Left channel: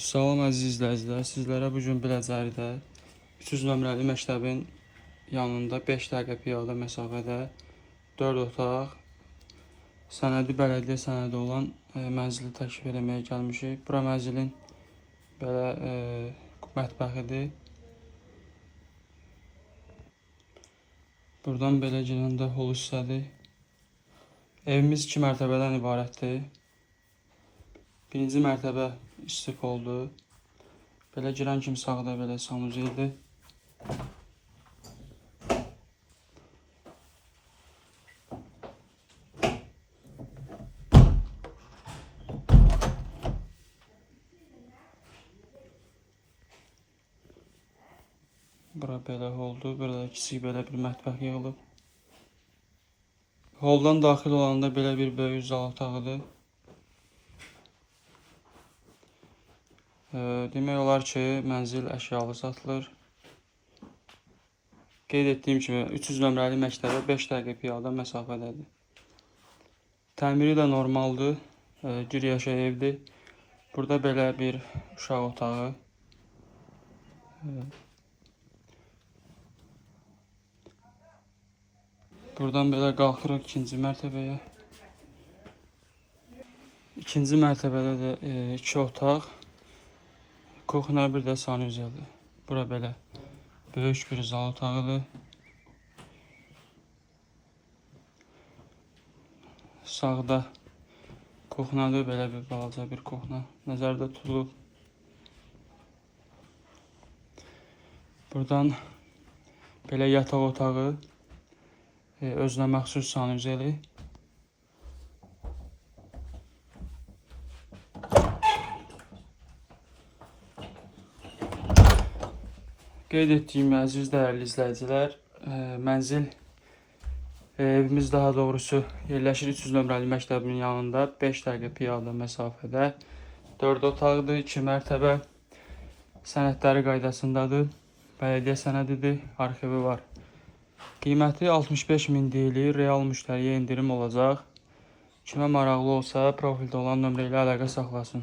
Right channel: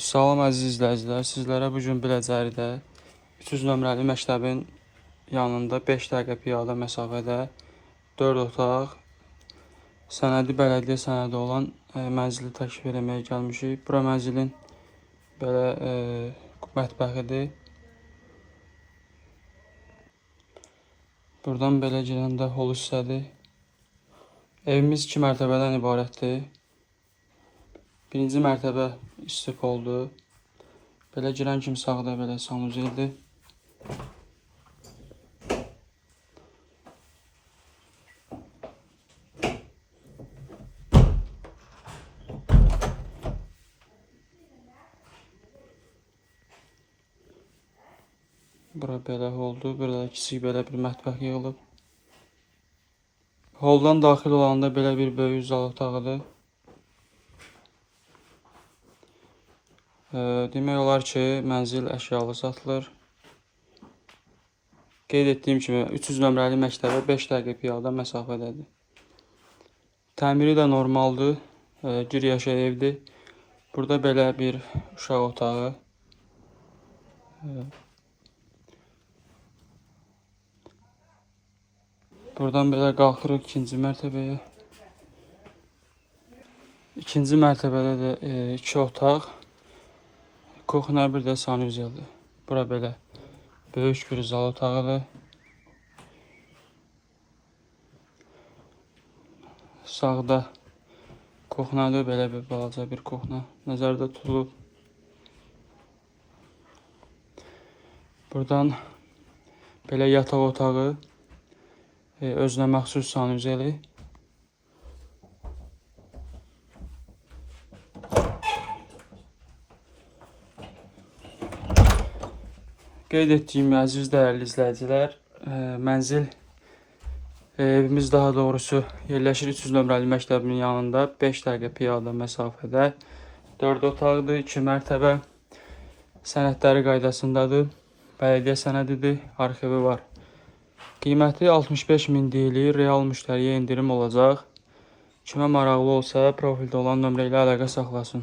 Salam əziz izləyicilər, sizlərə bugün Biləcəridə 300 nömrəli məktəbin yanında 5 dəqiqə piyada məsafədə 4 otaq, sənədi bələdiyyə sənədi olan mənzili təklif etməyə gəlmişik. Bura mənzilin belə mətbəxidir. Buradan belə girəndə hol hissədir. Evimiz 2 mərtəbədən ibarətdir. Birinci mərtəbə istif oldu. Belə girən kimi sağda belə sanuzeydir. Bura belə oldu. Burada kiçik belə bir mətbəx yığılıb. Holdan daxil olanda belə bir böyük zal otağıdır. Demək olar ki, mənzil əşyalı satılır. Qeyd etdiyim kimi 300 nömrəli məktəbə 5 dəqiqə piyada məsafədədir. Təmiri də normaldır, bir yaşa evdir. Burada belə bir uşaq otağı. Buradan belə qalxırıq ikinci mərtəbəyə. İkinci mərtəbədə də 2 otaq. Kuxna bir də sanuzəldir. Bura belə böyük bir zal otağıdır. Sağda kuxnadır, belə bir balaca bir kuxna nəzərdə tutulub. Buradan belə yataq otağı, özünə məxsus sanuzəli. Qeyd etdiyim əziz dəyərli izləyicilər, mənzil evimiz daha doğrusu yerləşir 300 nömrəli məktəbin yanında 5 dəqiqə piyada məsafədə 4 otaqdır, 2 mərtəbə, sənədləri qaydasındadır, bələdiyyə sənədidir, arxivi var. Qiyməti 65.000 deyilir, real müştəriyə indirim olacaq. Kimə maraqlı olsa profildə olan nömrə ilə əlaqə saxlasın.